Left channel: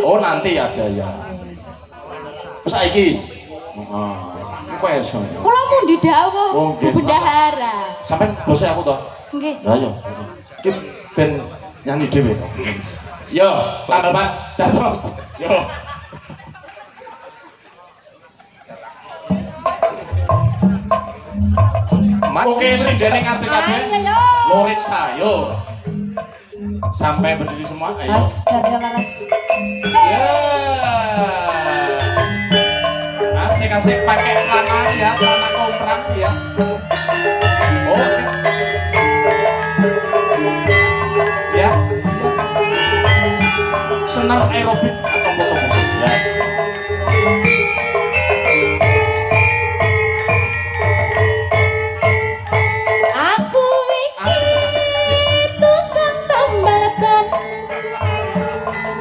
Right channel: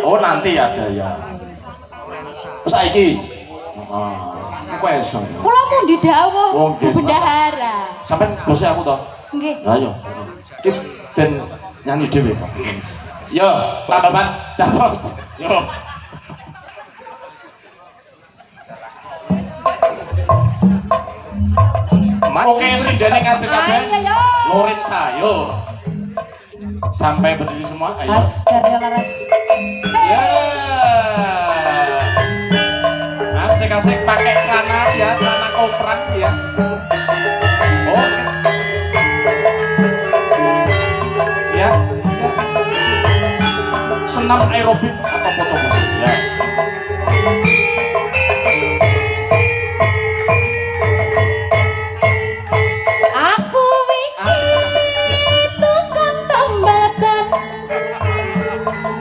Oh nanti ada ya. Saiki. Heeh. Kok iso. Kula mau didhawuh Bu Bendahara. Sampeyan bose aku to? Nggih. Lah yo. Ki ben nyanyi dhewe kok. Yo, tambal ban. Dados. Yo. Oke, sindene ngadeg kabeh. Lurit sayo. Sampai berdiri semua, ayo. Karya laras. Ya. Asik-asik pakai celana ya, celana komprang ya. Oke. Ya. Senam aerobik atau foto-foto ya.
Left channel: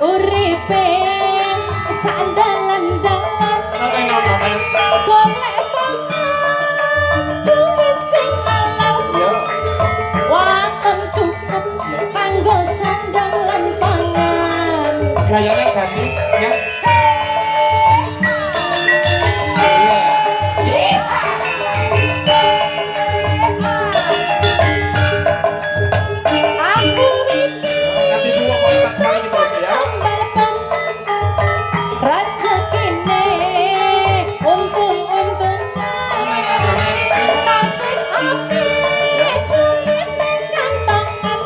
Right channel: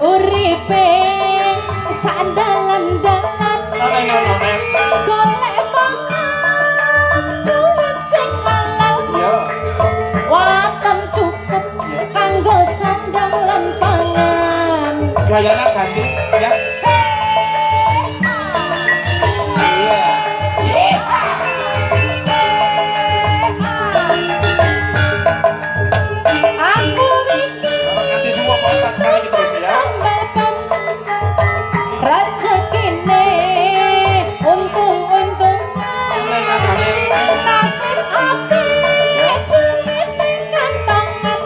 Uripe sandalan-dalan golek pangan duit sing halal waton cukup kanggo sandang lan pangan gayanya ganti ya. aku nanti semua konser kali gitu ya. Rezekine untung-untungan nasib apik duit ning kantongan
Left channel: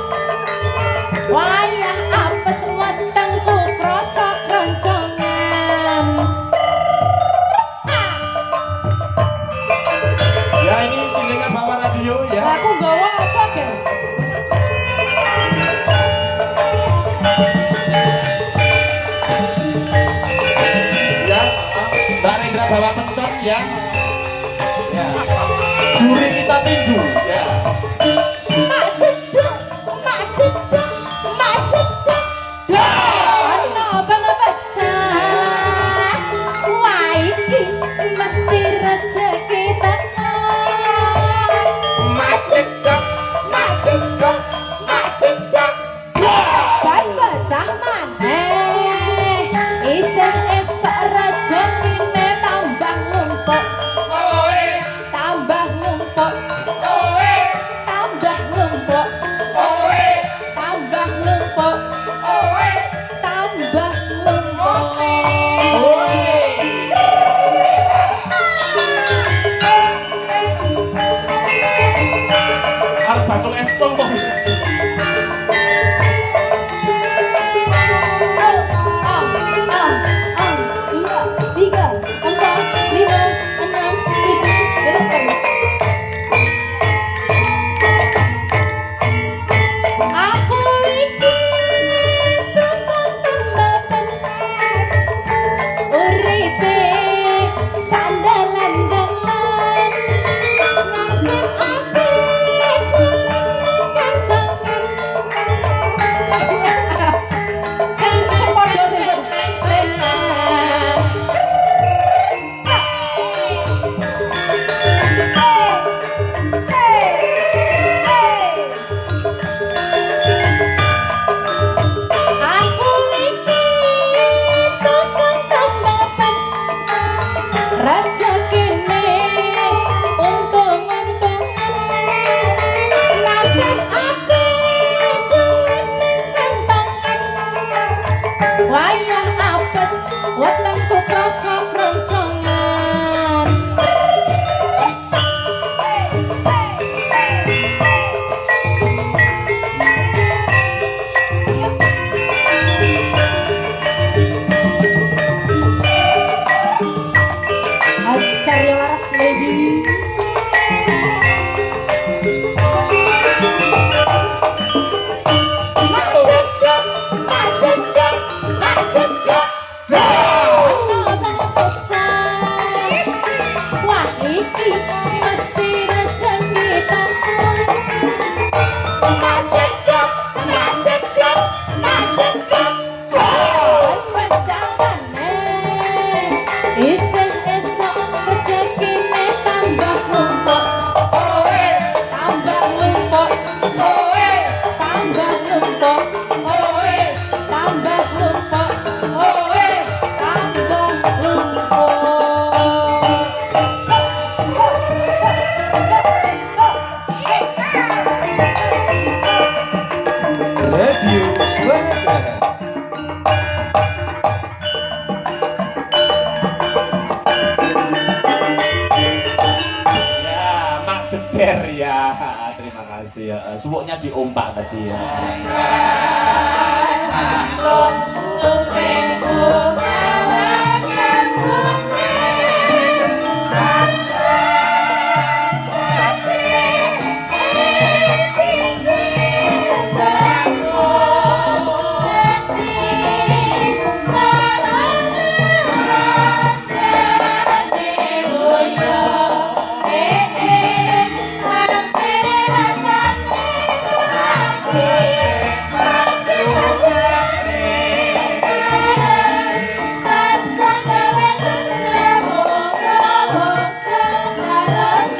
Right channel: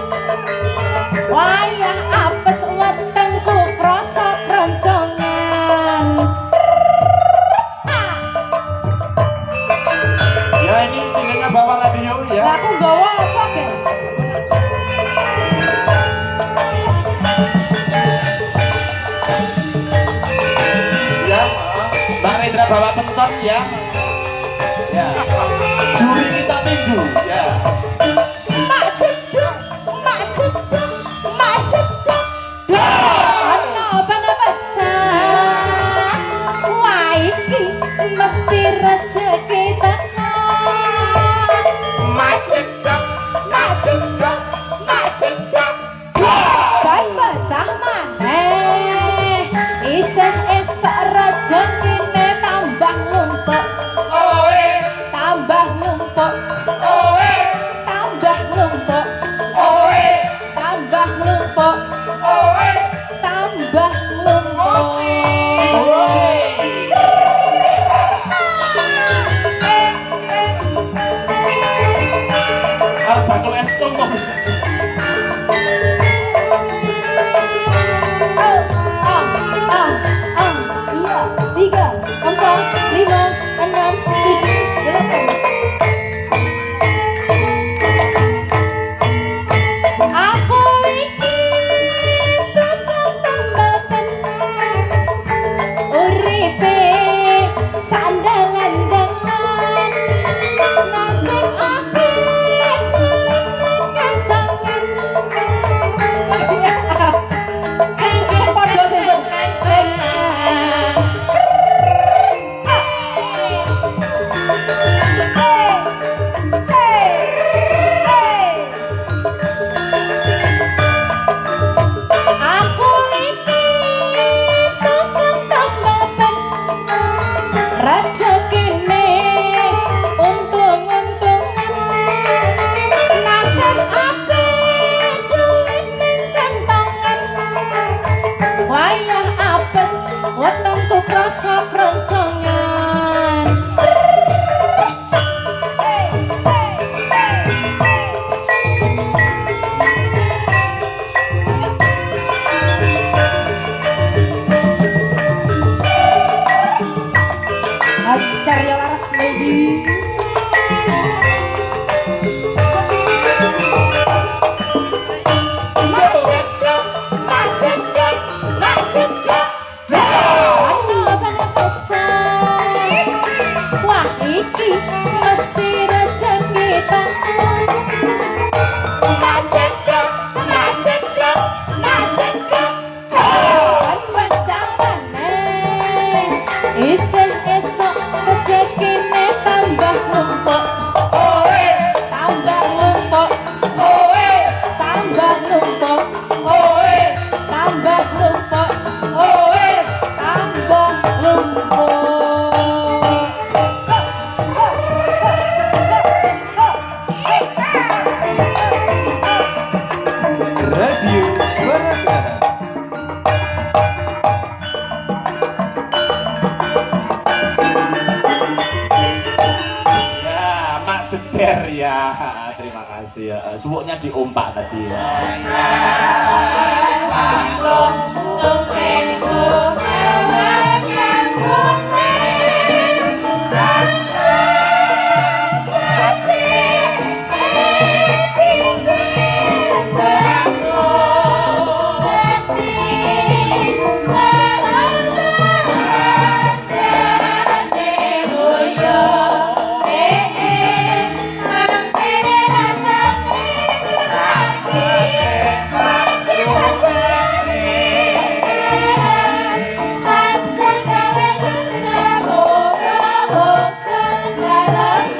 wayah apes wetengku krasa kroncongan Ya ini sindennya bawa radio ya. lah aku gawa apa guys? Mbak Rendra bawa pencon ya. Ya. Juri kita tinju ya. Mak jeduk, mak jeduk, mak jeduk. Ono bang pecah. Wah iki mesti rezeki teko. Mak jeduk, mak jeduk, mak jeduk. Ban pecah maneh. Isih esok rezekine tambah numpuk. Oe, Tambah numpuk. oe, Tambah numpuk. oe, Tambah numpuk. oe. Tambah numpuk. Harus bakul es tumpuk. Dua, tiga, empat, lima, enam, tujuh, delapan. Aku iki tukang tambal ban, uripe sandalan-dalan, nasib apik duit ning kantongan. Padha sing aku iki tukang tambal ban rezekine untung-untungan nasib apik duit ning kantongan wayah apes wetengku krasa kroncongan Carya laras baby. Macet, macet, macet. Ono bang pecah. Wah iki mesti rezeki teko. Macet, macet, macet. Ban pecah maneh. Isih esok rezekine tambah numpuk. Oe, Tambah numpuk. oe, Tambah numpuk. oe, Tambah numpuk. oe. Der ya. Terima kasih ya. Suwuknya diompak tadi ya. Maklum supengku kawakan kuning tanpa hati tinggi bangku hati sarana dadi boyo mangkene rasane hati tansah gawe moga-moga laras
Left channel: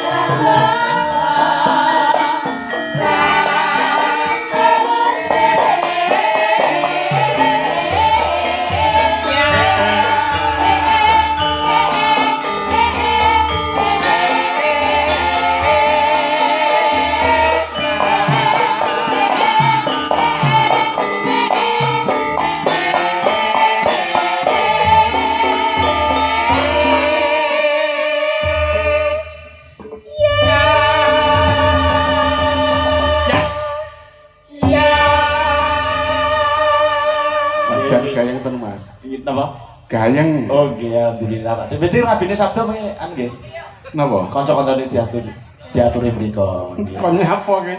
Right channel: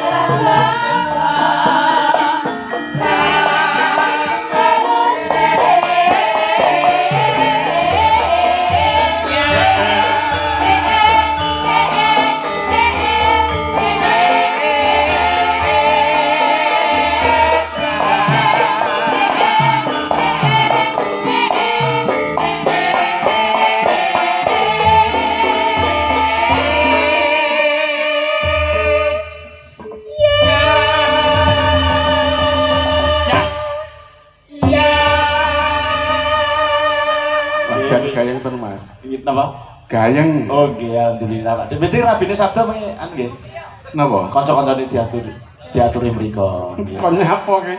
Gayeng ten Mas. Iki napa? Gayeng. Oh nggih, alhamdulillah Pak. Berarti rabine sabda mengke anu nggih. Napa? Kanca-kancane diaturi mriko. Kon nyapa ki?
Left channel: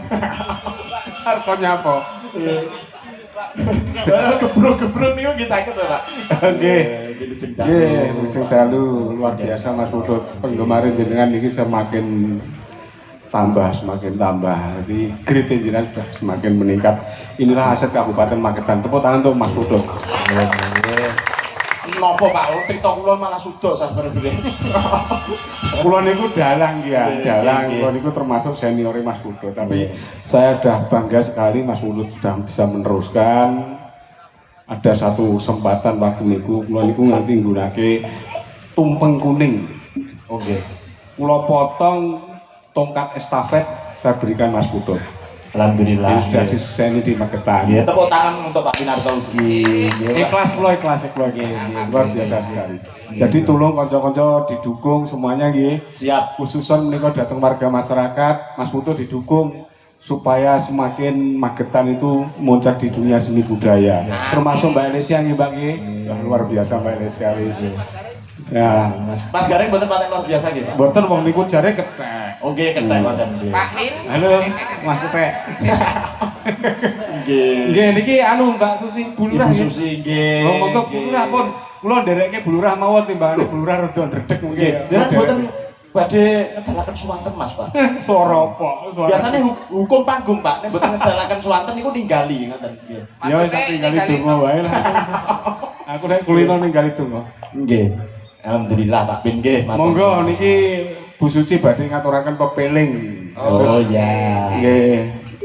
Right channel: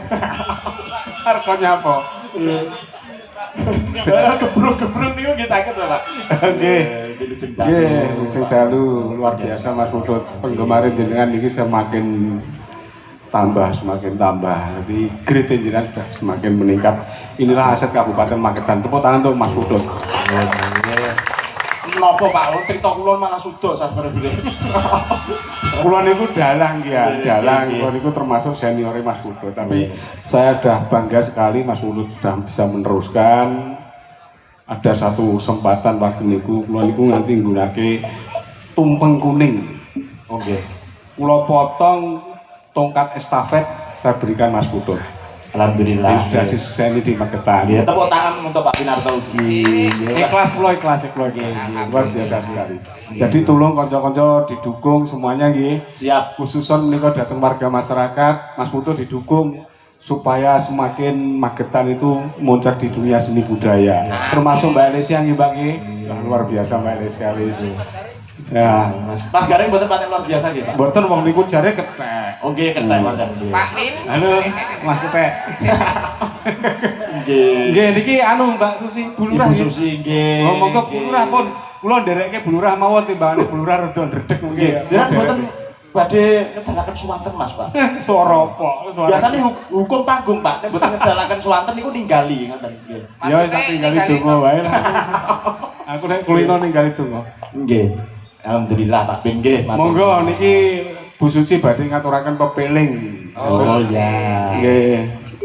Arep kon nyapa? Gebruk-gebruk niku nggih saged to, Pak. Nggih. Nggih, Nggih, Lujeng Dalu luar biasa Mas Putut. Penggemar jenengan niki semakin tambah. Jadi grit jenengan sudah semakin meningkat. Inilah aset Kabupaten Magetan. Tepuk tangan untuk Mas Putut. Napa Pak? Crita kula malah suda sabarene. Kula niku dalang ya, dalang. Kula niku termasuk seniore Mas Putut. Tapi saya sudah bangga sekali Mas Putut sudah bisa meneruskan. Ada satu kesempatan waktu niku kula niku nganti nggunake tumpeng kuning. Oke. Kula potong tongkat estafet saya berikan Mas Putut. Alhamdulillah. Ini sudah disukseni di Magetan. Nggih, tepuk tangan untuk Pak Pinarto ugi. Ikhlas kula luar biasa sekali. Jadi tolong kanca-kanca didukung semuanya nggih. Siap. Khususon menika datang warga masyarakat, Mas Putut didukung supaya semakin Magetan itu muncul di dunia seni budaya. Termasuk Mbak Elesia nggih, Mbak nggih. Luar biasa Mbak Elesia wis. Ya, Mas Garing mboten paten luar biasa nggih, Pak. mboten wong niku jare ketek. Oh nggih, ketek wonten nggih. Pak Min. Halo, Mas Ketek. Nggih. Nggih niki anu Mbak Susi Bulurah Ibu nggih. Susi nggih. Oh, monggo Bulurah pun. Kula nderekke Bulurah mawon timbangane Bulurah rada ndredeg Nggih. nggih. Jenengan mboten badhe ngedalaken suwanten Mas, Pak. Suara apa? Suara. Biasanya hukum panggung, Pak. Nek mboten ngedalaken suwanten niku ninggali ngoten nggih. Ya wis tak tinggali donga wae lah. Aku nek kulino ninggali donga. Nggih. Alhamdulillah Pak Bin nggih. matur Monggo nuwun. niki Bu Suci badhe ngaturaken pepeling. Oh iya. Nggih.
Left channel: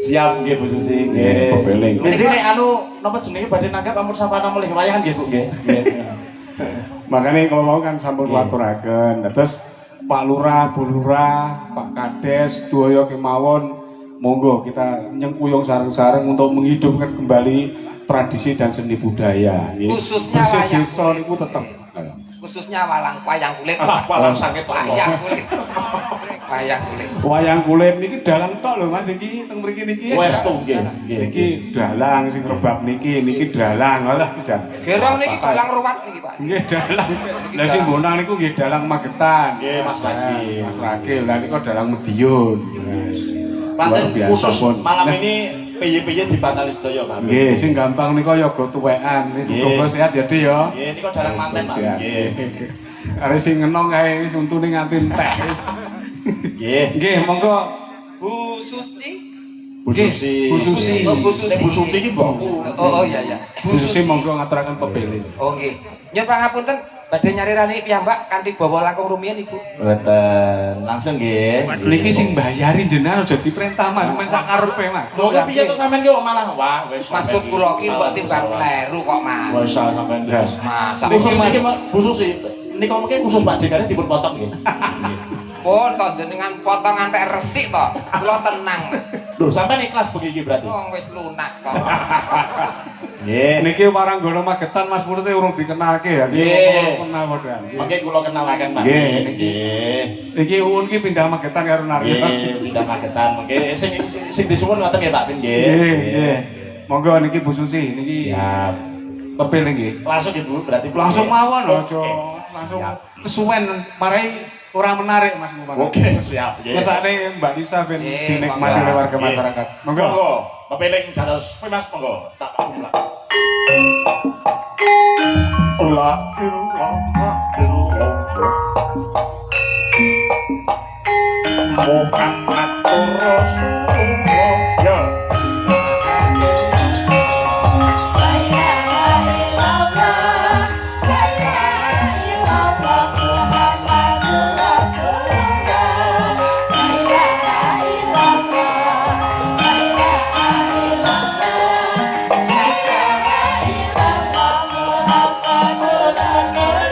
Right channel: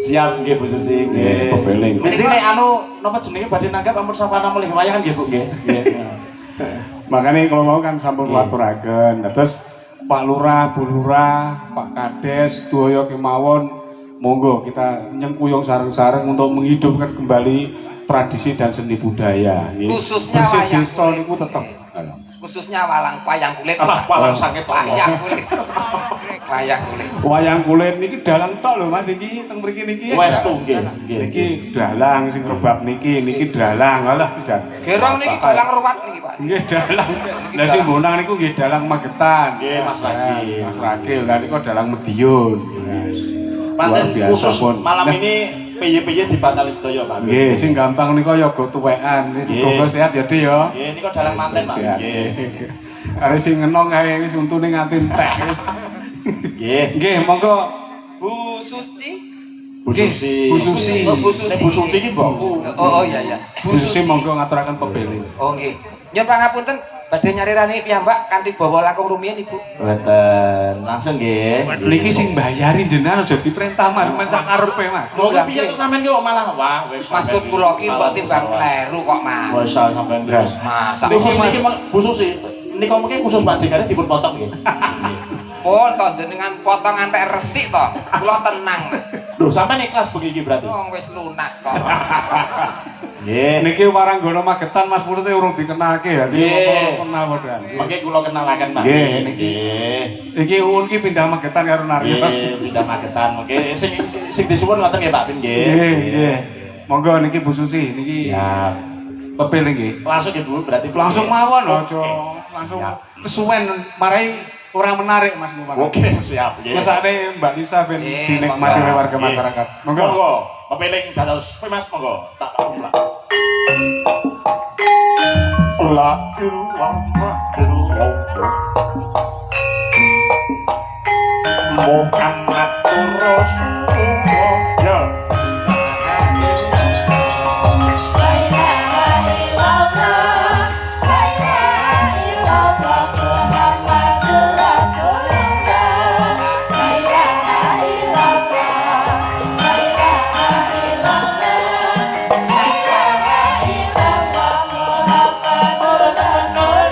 Siap nggih Bu Susi Nggih, nggih. pepeling. Niki nek anu napa jenenge badhe nanggap ampun sapana mulih wayangan nggih Bu nggih. Nggih. Makanya kalau mau kan sampun waturaken. Terus Pak Lurah, Bu Lurah, Pak Kades, Doyo kemawon monggo kita nyengkuyung sareng-sareng untuk menghidupkan kembali tradisi dan seni budaya. nggih. Khususnya Bersih wayang desa kulit. niku tetep. Khususnya wayang kulit. Ah, Pak. palang sangit Wayang kulit. Wayang kulit. Wayang kulit niki dalang tok lho Mas niki teng mriki niki. Wes tuh nggih. Nggih. Niki dalang sing rebab niki dalang alah pisan. Gerong niki dalang ruwat niki, Pak. Nggih dalang. Lah sing bonang niku nggih dalang Magetan. Nggih, Mas Ragil. Mas Ragil. Lah niku dalang Medion. Yes. Pancen Luar biasa khusus pun. malam Nah, ini piye-piye dibatali sedaya Pak. nggih, sing gampang nika ya go tuwekan. Wis Nggih. muga sehat ya, Dik ya. Nggih, niku dalang manten Pak. Sehat. Nggih. Are sing ngenong kae wis untune nganti entek wis. Nggih. Nggih, monggo Bu Suci. Bu Susi. Bu Susi. Oh, Bu Susi. Nek Bu Susi iki mbokku. Oh iya iya. Bu Susi monggo ngaturaken pepeling. Oh nggih. Nyuwun pangapunten badhe nyarirani piyambak kanthi bawa langkung rumiyin Ibu. Wonten. Langsung nggih. Niki sing mbayari jenengan aja diperintah Mas, men sak karepe Mas. Lho kok piye to sampean ki kok malah wah wis. Maksud kula ki mbok timbang kleru kok, Mas. Wis sampean wis. Masa Khusus niki Bu Susi. Nika mungkin khusus Pak Dekane dipun potong nggih. pun to jenengan potong antek resik to. Kula tenang, Mas. Lho sampean ikhlas begini berarti. Wong wis lunas kok. Nggih. Niki Waranggana Magetan Mas Purut urung dikenalke ya. Nggih. Kenal padha. Mengke kula kenalaken Pak. Nggih, niki. Nggih. Iki Uun ki pindah Magetan karo Naryo. Nggih, pindah Magetan. Mengke sing disuwun ngoten nggih Pak Bin nggih. Nggih, nggih. Monggo niki Bu Susi niki. Siap. Pepil nggih. Langsung Ibu berarti Langsung mawon aja. Oke. Langsung Siap. kesuwen marai ora menarik Mas Muhammad. Oke, siap. Nggih. Mesake Mbak Lisa ben dinikmati oleh warga masyarakat. Monggo. Monggo. Pepeling dados Mas monggo. Tak kumlak. La ilaha illallah Muhammad Rasulullah. Ya. La ilaha illallah, la ilaha illallah, Muhammadur Rasulullah. La ilaha illallah, la ilaha illallah, la ilaha illallah, Muhammadur Rasulullah.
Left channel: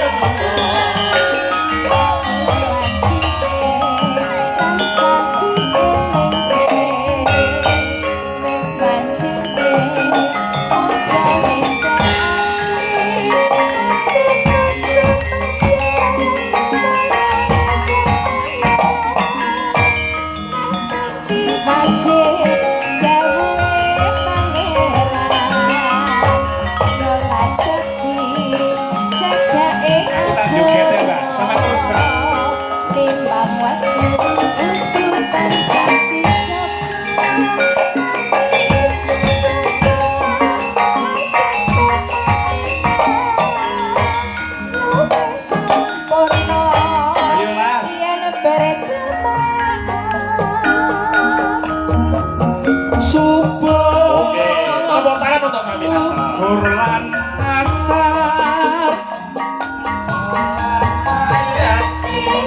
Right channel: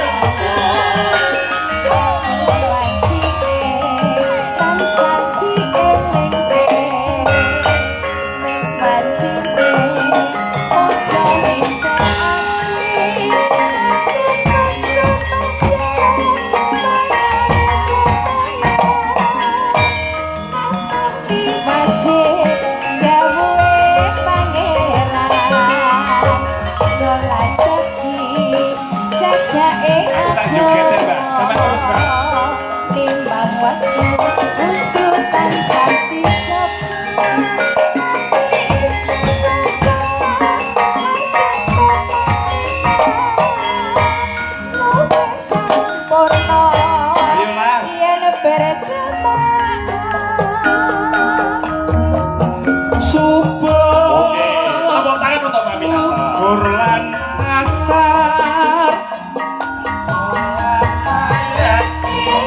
joget ya, Mbak. Sama terus, Mbak. Timbang waktu untuk tansah Ayo, Mas. Subuh. Oke, tepuk tangan untuk Pak Minanta. Burlan asar. Mayat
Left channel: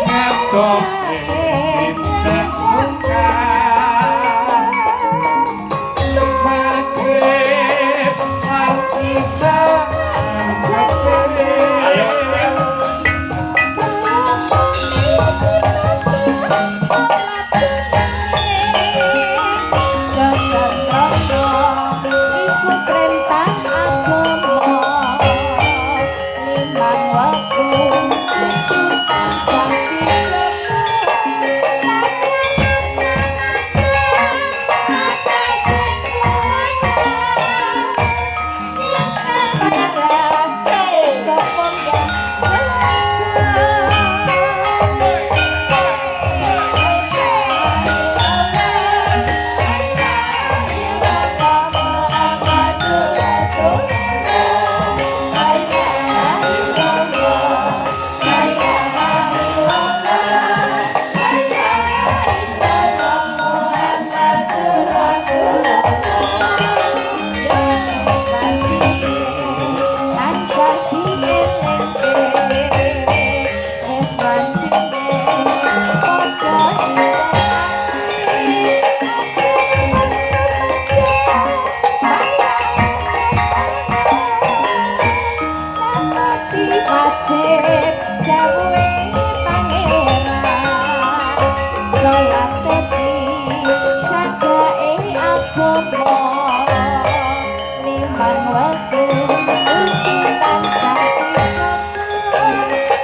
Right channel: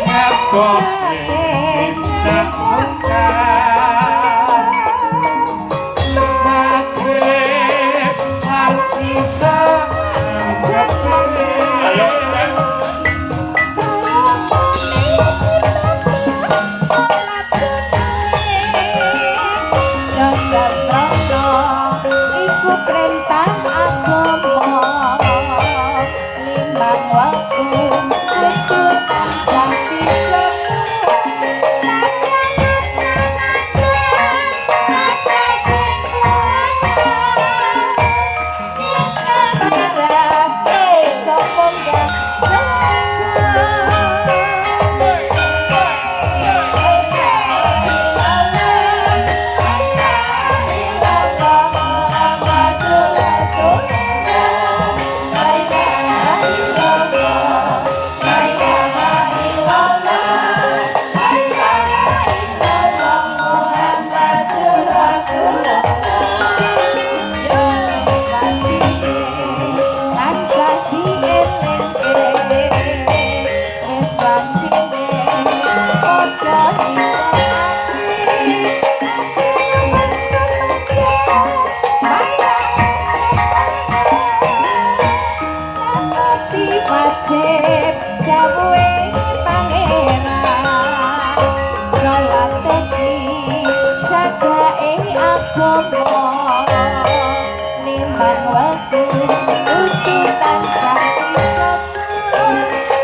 ngadok indah muka. Maghrib artisa. Ayo. Iku perintah agama limbang waktu kudu tansah dijaga rasa sing kuasa yen kabarat sapa enggak wajib dawuhe pangeran salat teki jagake agama limbang waktu kudu tansah dijaga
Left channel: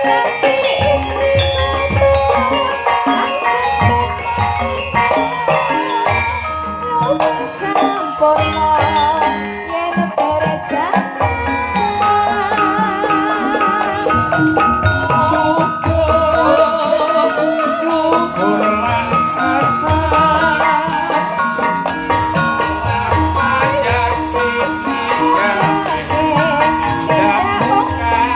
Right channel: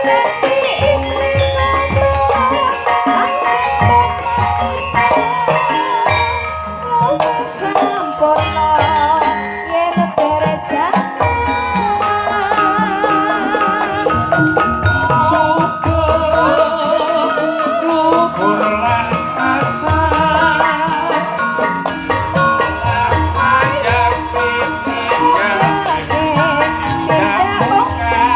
nganti istiqomah lan luwih sampurna yen berjalan Burlan asar. Mayat indah muka.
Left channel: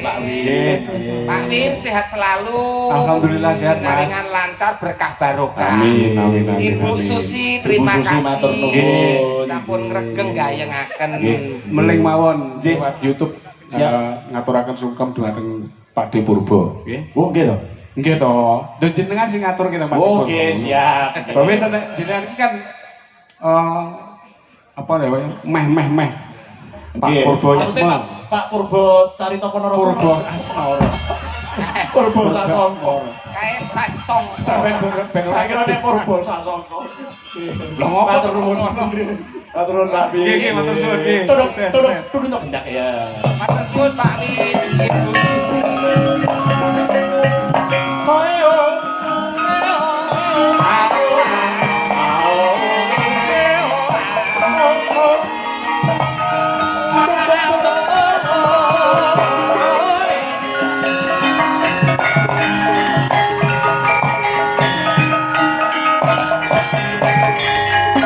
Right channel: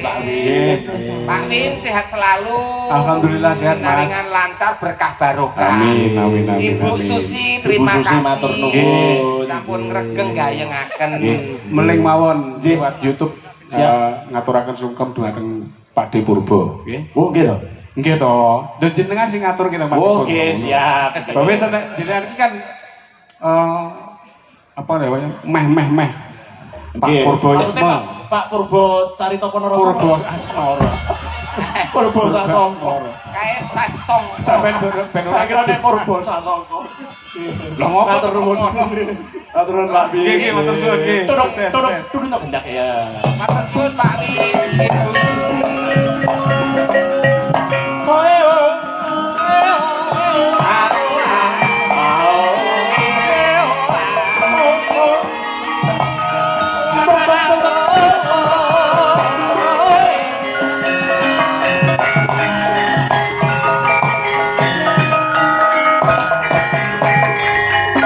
Pak Win. Pak Win sehat selalu. Alhamdulillah sehat, Mas. Pinaringan lancar berkah barokah. Amin, amin, amin. Ibu amin. Susi terima Ibu Susi, matur kasih. nuwun. Sampun ngregeng gayengaken. Nggih, meling mawon Nggih. lewat YouTube ngaturaken sungkem dhumateng Pak De Purba. Nggih. Oh, nggih to. Nggih to. Lho jenengan sing ngatur kita Pak De Purba. Oke, siap. Bapak sampai jenengan iki kan apa namanya? Meh. Pak Nggih. Purbaisme. Maksudnya Pak Purba Carita Ponorogo. Purba Asmara. Purba Sasongko. Kae tong. Sampai ben ora Kira nek Purba Sasongko. Lah ngopo Matur nuwun. Matur nuwun Pak Win. Nggih, matur suwun, nggih. Tudung tak gendak ya. Matur suwun Pak Win, Ibu Susi.